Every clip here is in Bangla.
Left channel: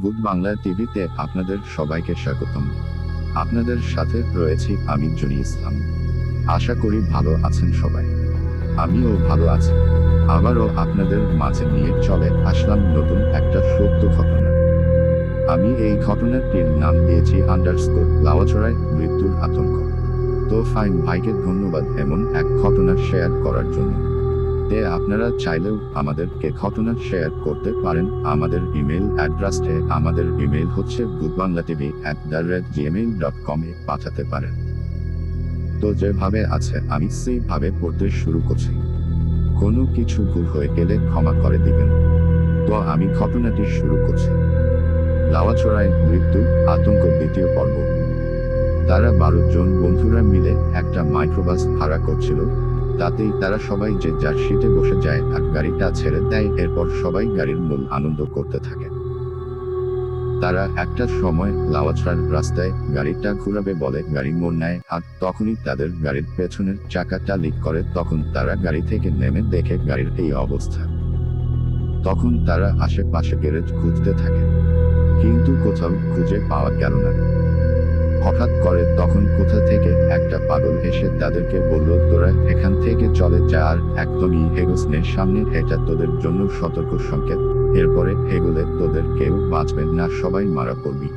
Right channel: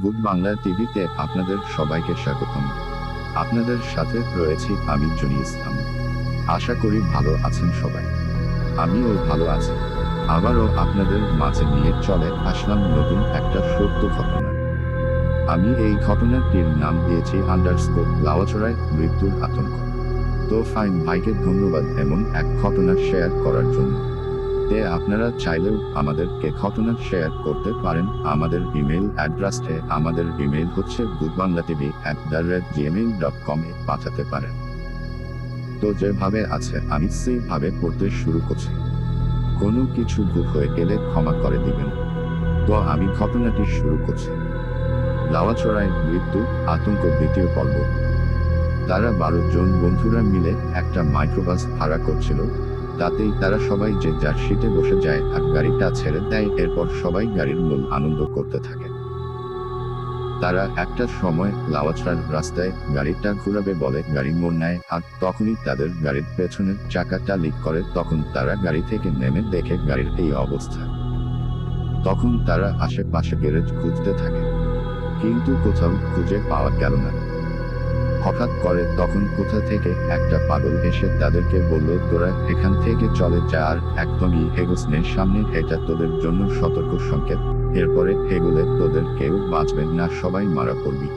ভূত বাংলা টিভিতে আপনাদের সবাইকে স্বাগতম। আপনাদের সাথে রয়েছি আমি জনি ইসলাম। আশা করি ভালো আছেন সবাই। আমিও ভালো আছি। আবারও আপনাদের মাঝে নিয়ে চলে আসলাম নতুন একটা সত্য ঘটনা। আমি এই ঘটনাটির নাম দিয়েছি লাওয়াছড়ায় মৃত্যুর আতঙ্ক। তো ফাইন ভাইকে ধন্যবাদ এমন এক ঘটনা শেয়ার করার জন্য। আপনারা চাইলেও আমাদেরকে ঘটনা শেয়ার করতে পারেন আমাদের ইমেল অ্যাড্রেসে। আমাদের ইমেল হচ্ছে bhutbanglatv@gmail.com এ পাঠাতে পারেন। তো যেভাবে আছে আমি সেইভাবে পড়তে শুরু করছি। কোনো কিছু ভুল হয়ে গেলে ক্ষমা করে দিবেন। তো আমি ঘটনাটি শুরু করছি। লাওয়াছড়ায় মৃত্যু আতঙ্ক দ্বিতীয় পর্ব। তারা 12 জন বন্ধুরা মিলে একটা মাইক্রোবাস ভাড়া করছিল। তাতেই তারা সবাই যে যার সিটে বসে যায় আর গাড়িটা ছেড়ে দেয়। এরপর সবাই গাড়ির মূল আনন্দ করতে থাকে। তারা একটা সময় লাওয়াছড়ার রাস্তায় গাড়িটা ঘুরাবে বলে গাড়ি মোড় নেয়, আর তখনই তাদের গাড়ির পেছনের চাকাটা লিক করে। তখন তারা গাড়ি থেকে নেমে দেখে গাড়ির এই অবস্থা। তখন তারা আশেপাশে গ্যারেজ খুঁজতে থাকে, কিন্তু কোথাও খুঁজে পাওয়া গেল না। হঠাৎ করে তখন কোথা থেকে একটা পাগল এসে তাদেরকে বলল, তোরা এখান থেকে চলে যা, আর একদমই হেগোসনের সামনে এটা তোদের জন্য সতর্ক সংকেত। এরপরে হেগুলে তোদের কেউ বাঁচবে না, সবাই মারা পড়বি।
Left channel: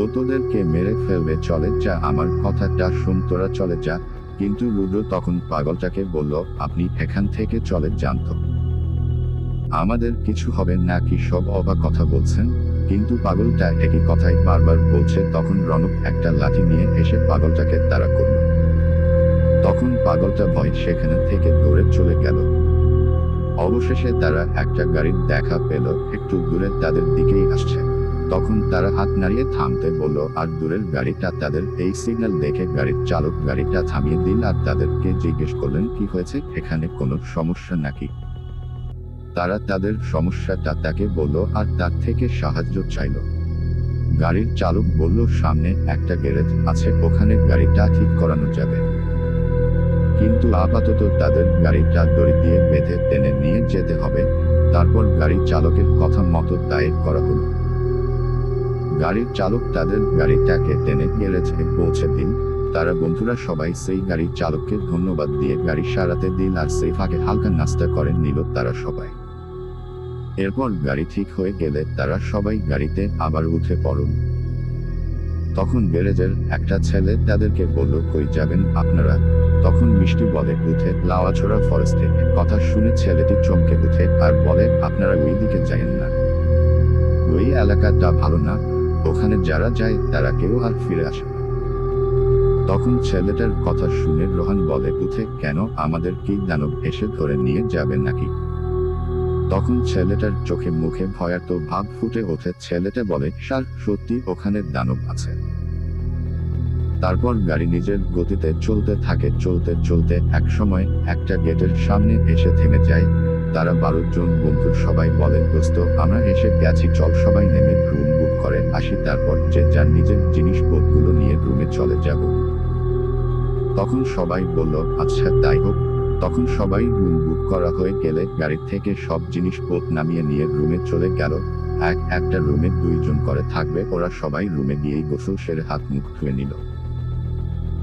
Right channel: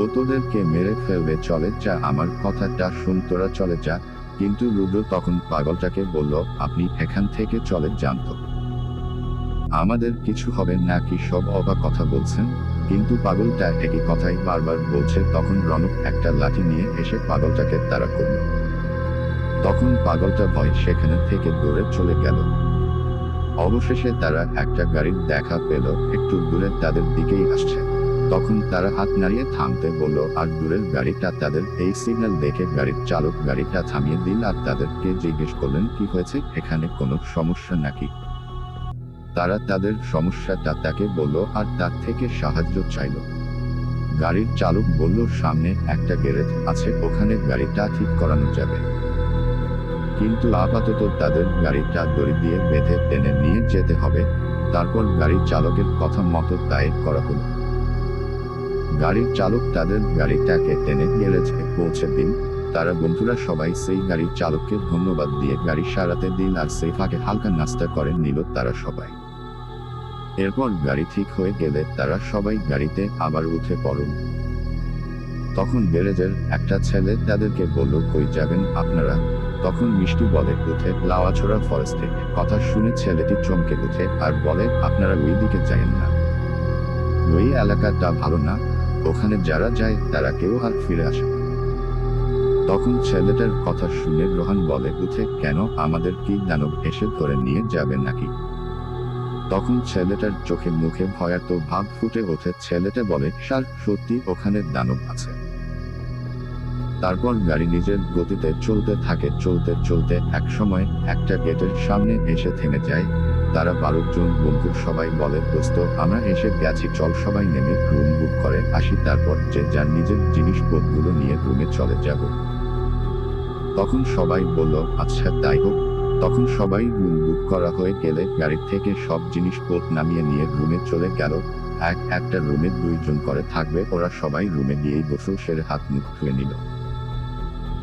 ও তোদেরকে মেরে ফেলবে, চলে যা, আমার কথাটা শুন, তোরা চলে যা। কিন্তু রুদ্র তখন পাগলটাকে বলল, আপনি এখান থেকে চলে যান তো, আমাদের কিছু হবে না। কি সব অবাক কথা বলছেন? কিন্তু পাগলটা একই কথাই বারবার বলছে। তখন রনক একটা লাঠি নিয়ে এসে পাগলটাকে তাড়া করল। তখন পাগলটা ভয় সেখানে থেকে দৌড়ে চলে গেল। অবশেষে তারা একটা গাড়ির দেখা পেল, একটু দূরে তাদের দিকেই আসছে। তখন তারা হাত নাড়িয়ে থামতে বলল, আর দূরের গাড়িটা তাদের এই সিগন্যাল দেখে গাড়ির চালক গাড়িটা থামিয়ে দিল আর তাদেরকে জিজ্ঞেস করলেন, কি হয়েছে, এখানে কোনো সমস্যা নাকি? তারা তাদের সমস্যাটা তাকে বলল আর তার থেকে সাহায্য চাইল। গাড়ির চালক বলল, সামনে একটা গ্যারেজ আছে, ওখানে গাড়িটা ঠিক করানো যাবে, কিন্তু আপাতত তাদের গাড়িটা দড়ি দিয়ে বেঁধে টেনে নিয়ে যেতে হবে। তারপর গাড়ি চালকের কথা মতো তাই করা হলো। গাড়ির চালক তাদের গাড়িটাকে টেনে গ্যারেজে পৌঁছে দিল। তারা বন্ধুরা সবাই সেই গাড়ির চালককে ধন্যবাদ দিয়ে গাড়ি সারাতে দিল, আর সেই ফাঁকে হালকা নাস্তা করে নিল তারা সবাই। এরপর গাড়ি ঠিক হয়ে গেলে তারা সবাই গাড়িতে আবার উঠে পড়ল। তখন গ্যারেজের একটা ছেলে তাদেরকে বলল, কই যাবেন আপনারা? তখন মিষ্টি বলে, উঠে লাওয়াছড়া ফরেস্টে। কথা শুনে ছেলেটি চমকে উঠে আর বলে, আপনারা ওই দিকে যায়েন না, ওই এলাকাটা ভালো না, ওখানে যারা যায় তারা কেউ আর ফিরে আসে না। তখন ছেলেটার কথা শুনে রোহান বলে, উঠে কেন, আমাদের কি দানব এসে ধরে নিয়ে যাবে নাকি? তখন ছেলেটার চোখে মুখে ভয়ার্ত ভাব ফুটে ওঠে। ছেলেটা বলে, স্যার সত্যি ওখানে দানব আছে। তারপর গাড়ি নিজের গতিতে চলতে থাকে। চলতে চলতে এক সময় একটা গেটের সামনে এসে থেমে যায়। তারা 12 জন বন্ধু সবাই বলে, দোস্ত আমরা এসে গেছি, চল সবাই নেমে রুম বুক করে আসি, তারপর যে যার নিজের জিনিসপত্রগুলো নিয়ে রুমে চলে যাব। তখন সবাই বলল, আচ্ছা তাই হোক। তখন সবাই রুম বুক করা হয়ে গেলে গাড়ি থেকে সব জিনিসপত্র নামিয়ে নিয়ে রুমে চলে গেল। একটা রুমে 2 জন করে থাকবে, ওরা সবাই রুমে গিয়েই গোসল সেরে হাত মুখ ধুয়ে নিল।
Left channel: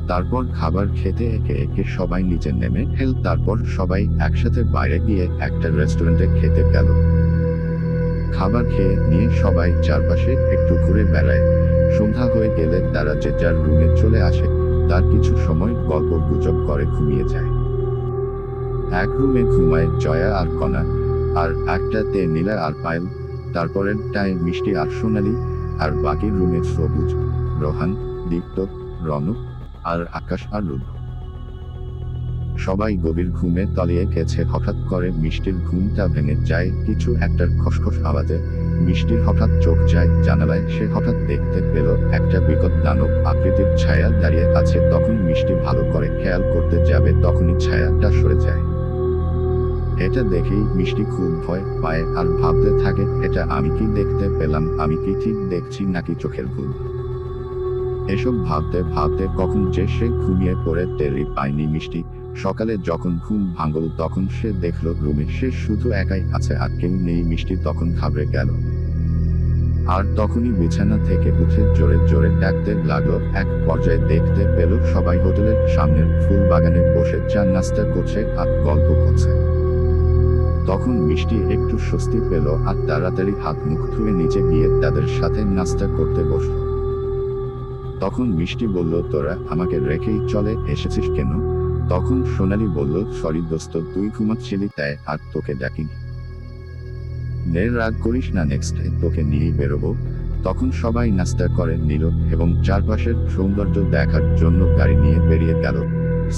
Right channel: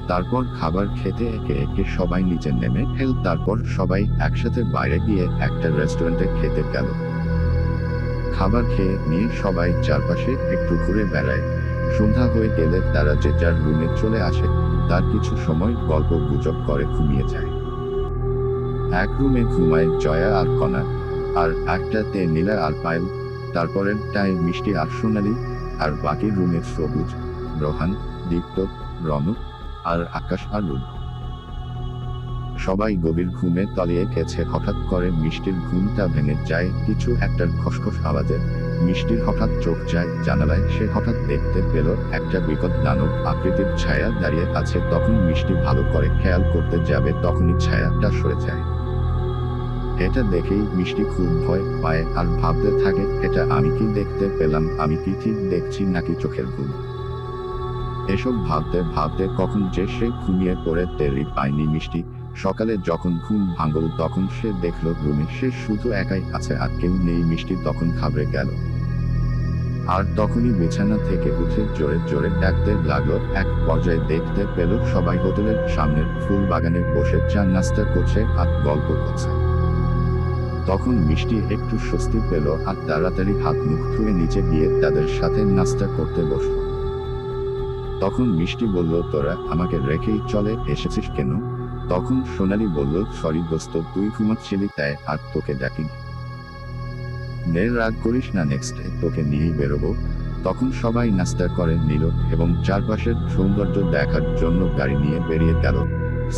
তারপর খাবার খেতে একে একে সবাই নিচে নেমে এল। তারপর সবাই একসাথে বাইরে গিয়ে একটা রেস্টুরেন্টে খেতে গেল। খাবার খেয়ে নিয়ে সবাই চারপাশে একটু ঘুরে বেড়ায়। সন্ধ্যা হয়ে গেলে তারা যে যার রুমে চলে আসে। তার কিছু সময় গল্প গুজব করে ঘুমিয়ে যায়। এক রুমে ঘুমায় জয়া আর কণা, আর একটাতে নীলা আর পায়েল, তারপরেরটায় মিষ্টি আর সোনালি, আর বাকি রুমে সবুজ, রোহান, দীপ্ত, রনক আর আকাশ আর রুদ্র। সবাই গভীর ঘুমে তলিয়ে গেছে। হঠাৎ করে মিষ্টির ঘুমটা ভেঙে যায় কিছু একটার খসখস আওয়াজে। মিষ্টির হঠাৎ চোখ যায় জানালায়। সে হঠাৎ দেখতে পেল একটা বিকট দানব আকৃতির ছায়া দাঁড়িয়ে আছে। তখন মিষ্টি ভালো করে খেয়াল করতে যাবে, তখনই ছায়াটা সরে যায়। এটা দেখেই মিষ্টি খুব ভয় পায় আর ভাবতে থাকে, এটা আমি কি দেখতে পেলাম, আমি কি ঠিক দেখছি নাকি চোখের ভুল। এসব ভাবতে ভাবতে কখন যে সে ঘুমিয়ে পড়ে টেরই পায়নি মিষ্টি। সকালে যখন ঘুম ভাঙল তখন সে দেখল রুমে সে শুধু একাই আছে আর কেউ নেই। মিষ্টি তখন ঘাবড়ে গেল। আর তখনই বিছানা থেকে উঠে জোরে জোরে ডাকতে লাগলো। এক পর্যায়ে দেখতে পেল সবাই হোটেলের সামনের ফুল বাগানে বসে চা নাস্তা করছে আর গল্প করছে। তখন মিষ্টি একটু স্বস্তি পেল আর তাড়াতাড়ি হাত মুখ ধুয়ে নিচে গিয়ে তাদের সাথে নাস্তা করতে বসলো। তখন মিষ্টি বলল, তোরা আমাকে রেখেই চলে এসেছিস কেন? তখন সোনালি বলল, সরি দোস্ত, তুই ঘুমাচ্ছিলি তাই আর তোকে ডাকিনি। রাগ করিস না, নেক্সট তোকে নিয়েই বেরোবো। তখন সবাই নাস্তা করে নিল এবং চারপাশের সৌন্দর্য দেখার জন্য গাড়ি নিয়ে বেরিয়ে গেল।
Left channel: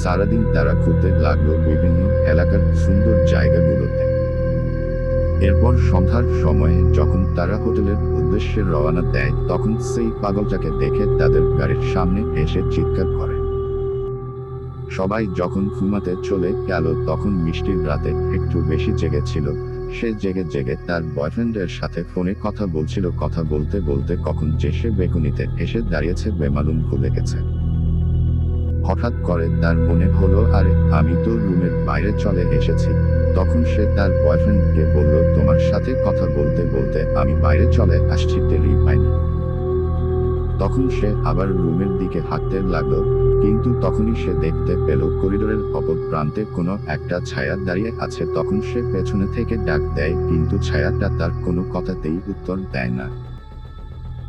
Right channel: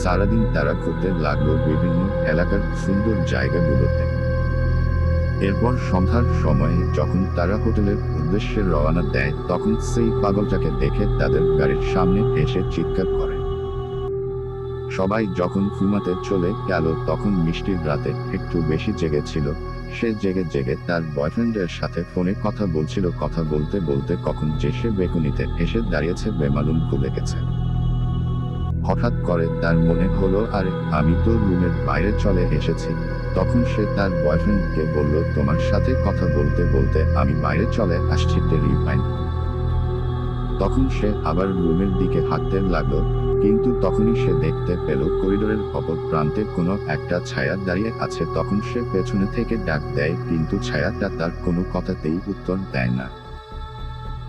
সারাদিন তারা ঘুরতে লাগলো বিভিন্ন এলাকার সুন্দর জায়গাগুলোতে। এরপর সন্ধ্যার সময়ে যখন তারা হোটেলের উদ্দেশ্যে রওনা দেয়, তখন সেই পাগলটাকে দেখে তাদের গাড়ির সামনে এসে চিৎকার করে। সবাই যখন ঘুমাতে চলে গেল, তখন মিষ্টির রাতে একটু বেশি জেগেছিল। সে জেগে জেগে তার বয়ফ্রেন্ডের সাথে ফোনে কথা বলছিল। কথা বলতে বলতে কখন যে সে বেকুনিতে এসে দাঁড়িয়েছে বেমালুম ভুলে গেছে। হঠাৎ করে তার মনে হলো, আরে আমি তো রুমের বাইরে চলে এসেছি। তখন সে তার বয়ফ্রেন্ডকে বলল, তোমার সাথে কথা বলতে বলতে আমি বাইরে চলে আসছি, টেরই পাইনি। তখন সে আবার রুমের দিকে হাঁটতে লাগলো, কিন্তু তখনই সে দেখতে পেল করিডোরের অপর প্রান্তে কোনো একটা ছায়া দাঁড়িয়ে আছে। তখন সে পেছনে থেকে ডাক দেয়, কিন্তু ছায়াটা তার কোনো কথাতেই উত্তর দেয় না।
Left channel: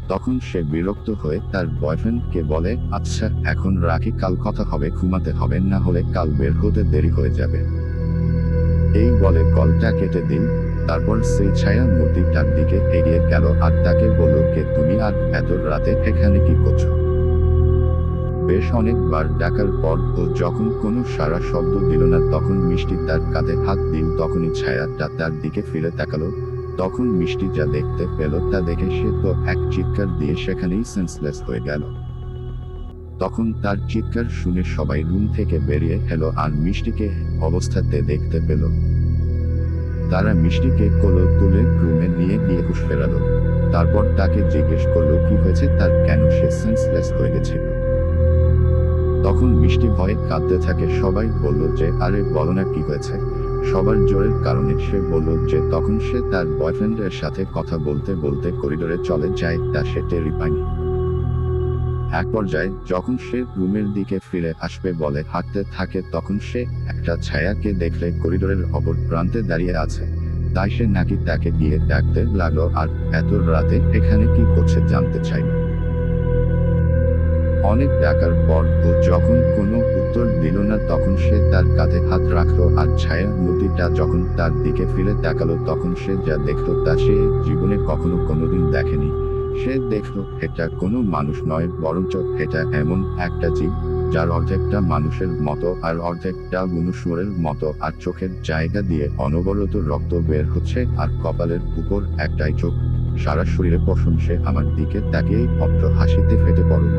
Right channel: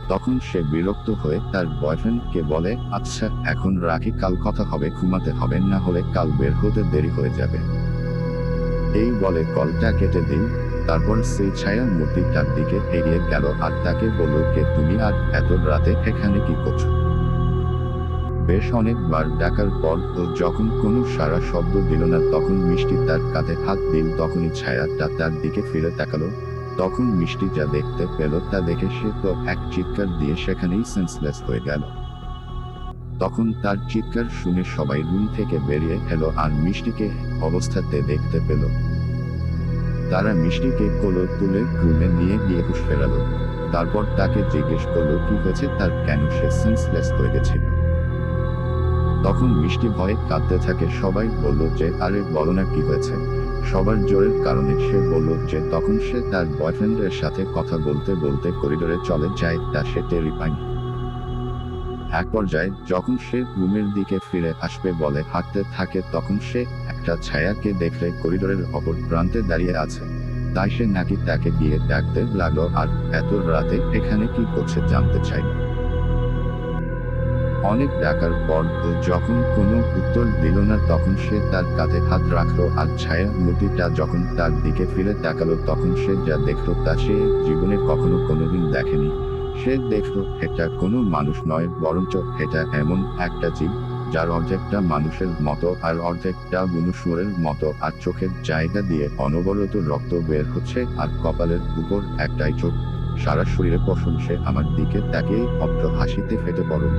তখন সে বিরক্ত হয়ে তার বয়ফ্রেন্ডকে বলে, আচ্ছা এখন রাখি, কাল কথা হবে, ঘুমাতে হবে, না হলে কাল বের হতে দেরি হয়ে যাবে। এই বলে কলটা কেটে দিল। তারপর সেই ছায়া মূর্তিটার দিকে এগিয়ে গেল আর তাকে বলল, কে তুমি আর এত রাতে এখানে কি করছো? বেশ অনেকবার ডাকার পর ও যখন কোনো সারা শব্দ দিল না, তখন মিষ্টি তার কাঁধে হাত দিল। তখনই ছায়াটা তার দিকে ফিরে তাকালো। তখন মিষ্টি যা দেখতে পেল তা দেখে সে তো এক চিৎকার দিয়ে সেখানেই সেন্সলেস হয়ে গেল। তখন তার চিৎকার শুনে সবাই রুম থেকে বেরিয়ে এলো আর মিষ্টিকে অবস্থাতে দেখতে পেল। তারা মিষ্টিকে কোলে তুলে রুমে নিয়ে গিয়ে হুঁশ ফেরালো। তারপর তাকে জিজ্ঞেস করলো কি হয়েছে তার, কেন সে সেন্সলেস হয়ে গেছিল। তখন মিষ্টি ভয়ে কাঁদতে থাকে। সবাই বলল যে, আরে বলো না কি হয়েছে। সবার জোরের কারণে সে বলল যে তখন সে তার বয়ফ্রেন্ডের সাথে কথা বলতে বলতে করিডোরে চলে যায়, তা সে টেরই পায়নি। এক পর্যায়ে যখন সে রুমের দিকে ফিরে আসবে বলে হাঁটতে থাকে, তখন সে একটা ছায়াকে দেখলে করিডোরের অপর প্রান্তে দাঁড়িয়ে আছে। তাই সে নাকি তাকে গিয়ে ডাকতে লাগলো আর এত রাতে এখানে কি করছে জানতে চাইল। অনেক ডাকার পর ও যখন কোনো উত্তর দিল না, তখন সে তার কাঁধে হাত রাখলো আর ছায়া মূর্তিটা যখন তার দিকে ফিরে তাকালো, তখন সে যা দেখলো তা সে জীবনে কখনো কোনোদিন দেখেনি। সে দেখলো এটা কোনো মানুষ নয়, বরঞ্চ এটা এমন একটা জীব যার অর্ধেকটা মানুষের মতো আর অর্ধেকটা মনুষ্যের মতো, আর চোখের জায়গা দিয়ে অনবরত রক্ত বের হচ্ছে আর কপালের উপর একটাই চোখ। সারা শরীরে পশম। সে আমার দিকে তাকিয়ে অপ্র হাসিতে ফেটে পড়ল।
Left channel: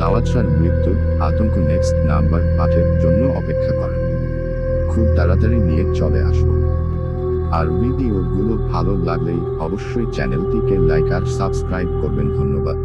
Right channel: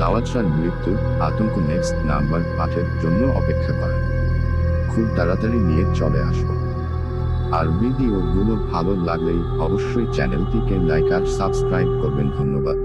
লাওয়াজরার মৃত্যুর আতঙ্ক নেক্সট নাম্বার 8-এর জন্য অপেক্ষা করেন। খুব তাড়াতাড়ি নিয়ে চলে আসবো। আর ভিডিওগুলো ভালো লাগলেই অবশ্যই চ্যানেলটিকে লাইক আর সাবস্ক্রাইব করবেন। ধন্যবাদ।